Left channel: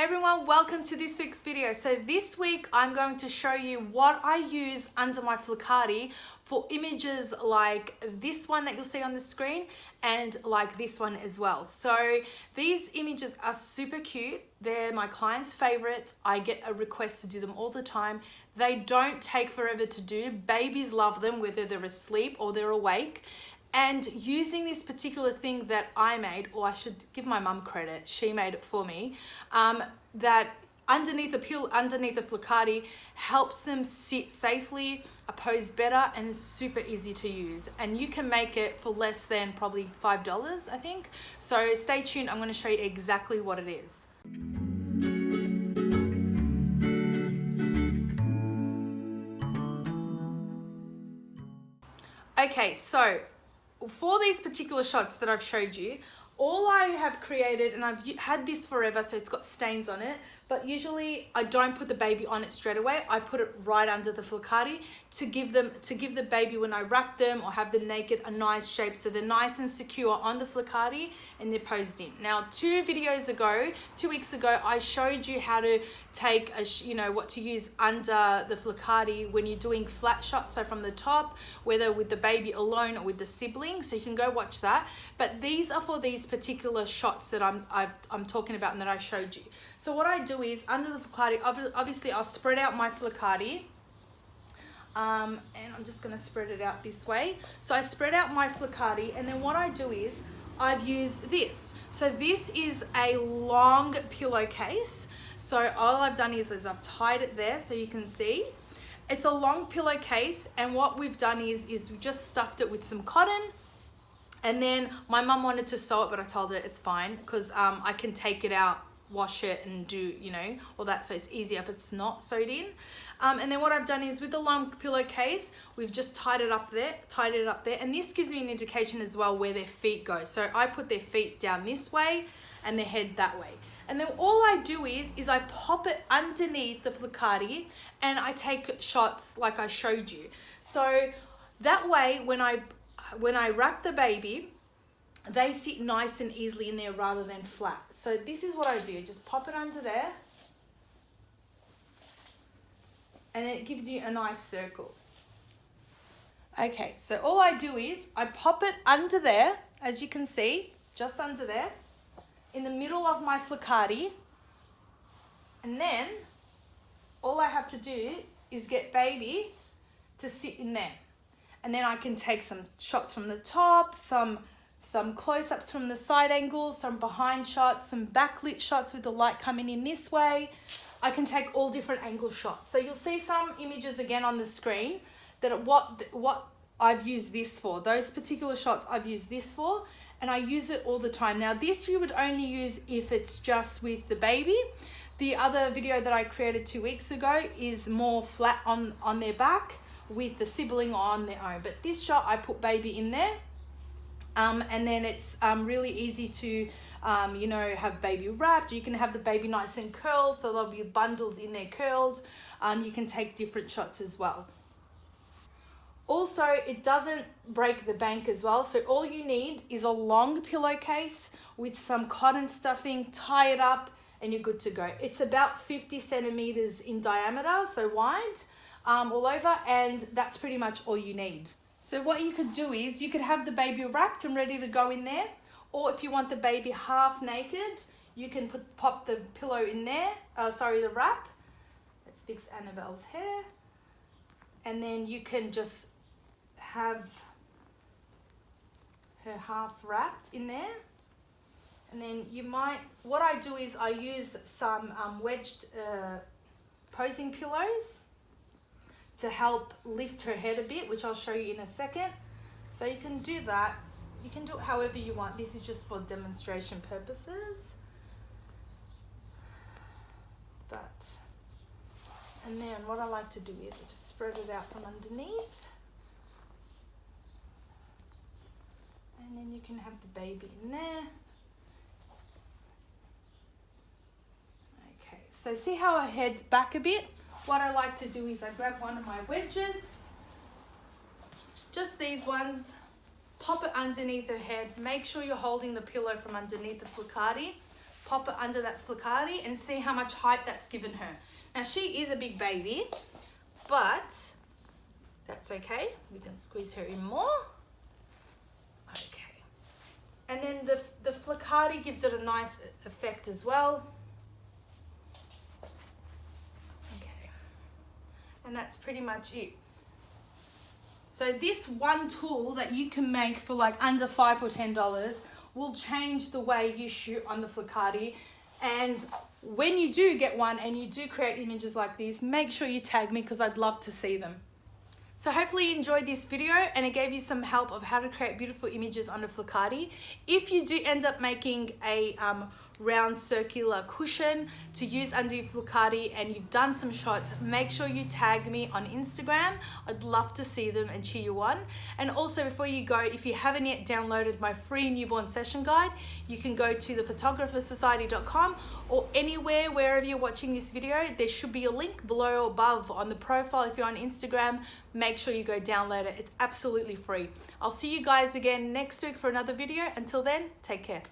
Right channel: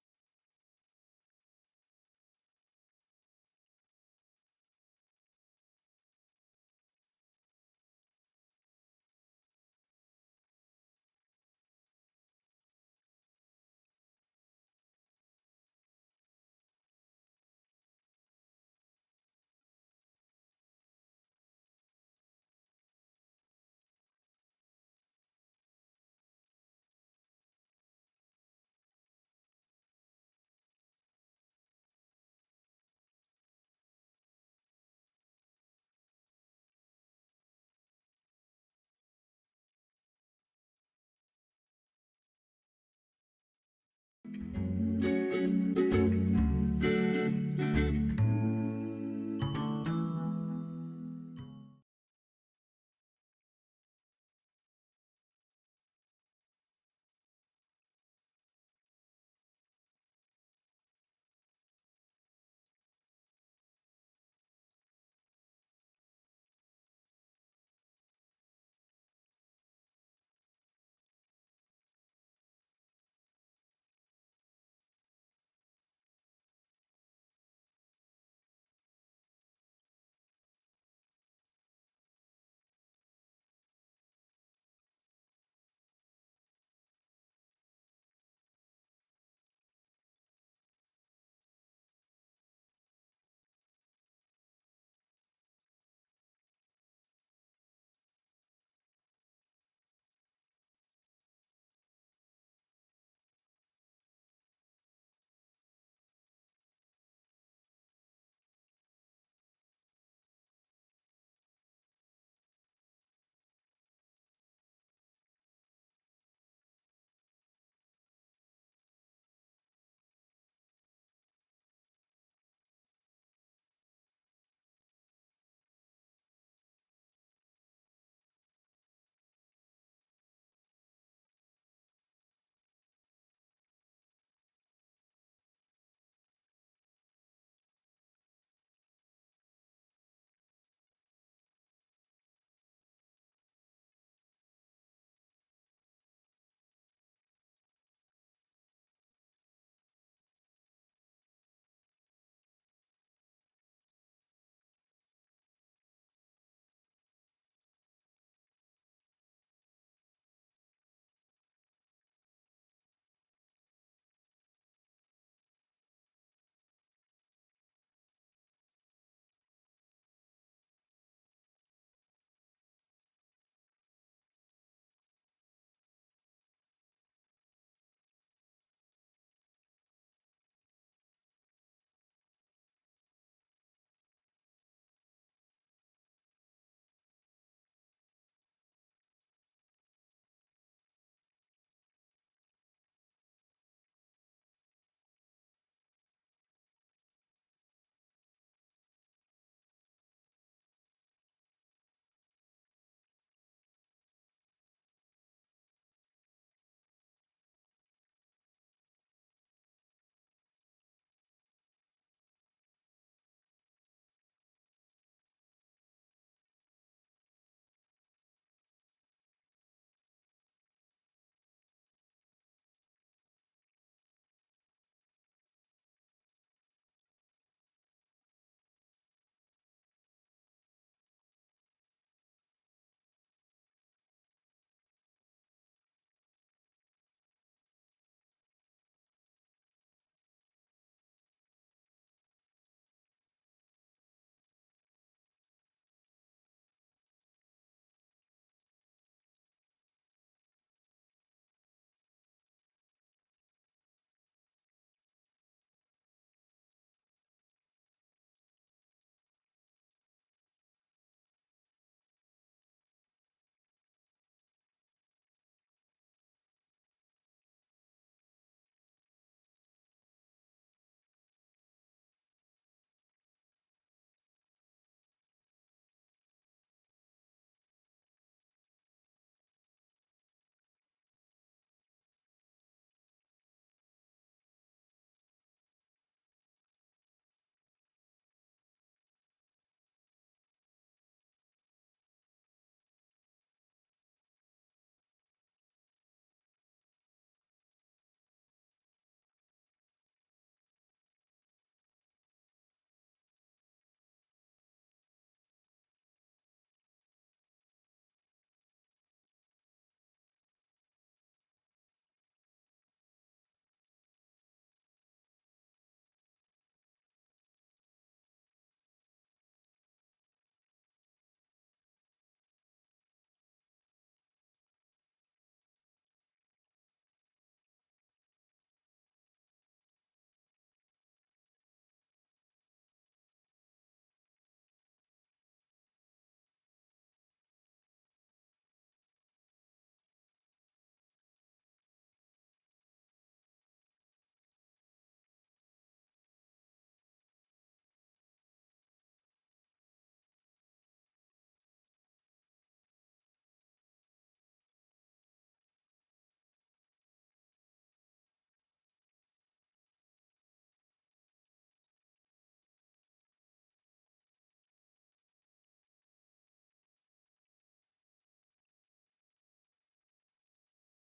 Hey everyone, welcome to this week's video. So this week I'm going to show you what I use under my Flokati for images like this one that you'll see on the screen and like this one as well. So these images are super cute. They're my clients' favorites. I get a request to do them all the time. They don't take forever to do. Babies love them whether they're asleep or they're awake. And using this particular thing that I made, or I should give my mum credit, she made it for me, that underneath the Flokati helps them sit safely, pose better, and is super easy to use. And you can make it for less than probably $5, I think. So stay tuned, I'm gonna show you exactly what it is. Okay, so for these particular shots that I've showed you, all I have created, and I've had this forever, so it's got stains on it, but usually I don't put the baby on it straight away. I put it right under the Flokati to give the baby, when I wrap them or have them naked, a nice shape, so they're nice and secure on the Flokati and they're posed in. Now, 2 weeks ago, I showed you how to take what to use under the Flokati when you're doing flat shots, so from the top, whether with the baby alone or with the sibling. So you can go watch that. But these are for these particular shots that I'm talking about and that I showed you. So what I do is under the Flokati, obviously I'll spread out my Flokati. And I'm just going to spread it out this way. So I spread out my Flokati, and then what I do is I've used this. So this is a long pillowcase. So all I've done is I've tied it there so you can see. It's a long pillowcase, and what we've done is we just stuffed it with some cotton. And then my mum wanted to sew it, but I told her it's fine because I can take it out, wash it, and do all that, so it's easier if it's not sewed in. And then what I've done is with the long pillowcase, we've just tied it up there, and this gives me an indication as well where their feet go. So I put their feet down this way and their head that way. And then all I do is I pop it underneath the Flokati and I take shots like I showed you. So that way when I wrap the baby, they sit nice and easily in there rather than flat. So this is what I do, just pop it under there, and then it gives you a nice circle. Okay, so all I do is I pop it under there, as you can see, just under there, in the middle of my Flokati, and then all I have to do is get baby to sit in there. And then I can take some shots from the top, some close-ups from the side angle, some behind shots, some backlit shots with the light coming in this way. I can take all different angle shots. So you'll see some images again on the screen that what I've used this for. Those particular shots I've used this for, and I use it all the time. Now this you would only use if it's just with the baby. The other video that I created 2 weeks ago is more flat on their back with the sibling on their own. But this shot I put baby in there. And then it's really easy to, have baby wrapped. You can have the baby nice and curled, so they'll be bundled in there curled. You can take different shots as well. Also, it doesn't break the bank as well. So all you need is a long pillowcase with some cotton stuffing, tie it up, and you're good to go. It's about 50 centimeters in diameter, so wide, all over, and that's pretty much all you need. So what you could do is you could have the baby wrapped and ready to go in there, or if you want the baby half naked, you can pop the pillow in there, the wrap. Let's fix Annabelle's hair. And then you can just have her half wrapped in there. And then what I do is I use some wedged posing pillows to help lift her head a bit, which I'll show you in a second. So you can do that. You can do it however you want. This is just for demonstration purposes. And then what I like to do is I just spread it out from underneath. And then you can have the baby in there. Okay, so see how her head's back a bit? What I like to do is I grab one of my wedges, just these ones, pop it underneath her head. Make sure you're holding the pillow from underneath the Flokati. pop it under that Flokati and see how much height that's given her. Now she is a big baby, but that's okay. We can squeeze her in more. Okay. And then the Flokati gives it a nice effect as well. Okay. And that's pretty much it. So this one tool that you can make for like under $5 or $10 will change the way you shoot on the Flokati. And when you do get one and you do create images like these, make sure you tag me because I'd love to see them. So hopefully you enjoyed this video and it gave you some help of how to create beautiful images under Flokati. If you do end up making a round circular cushion to use under your Flokati and you've done some shots, make sure you tag me on Instagram. I'd love to see them and cheer you on. And also before you go, if you haven't yet downloaded my free newborn session guide, you can go to thephotographersociety.com or anywhere, wherever you're watching this video, there should be a link below or above on the profile. If you're on Instagram, make sure you go download it. It's absolutely free. I'll see you guys again next week for another video. Until then, take care.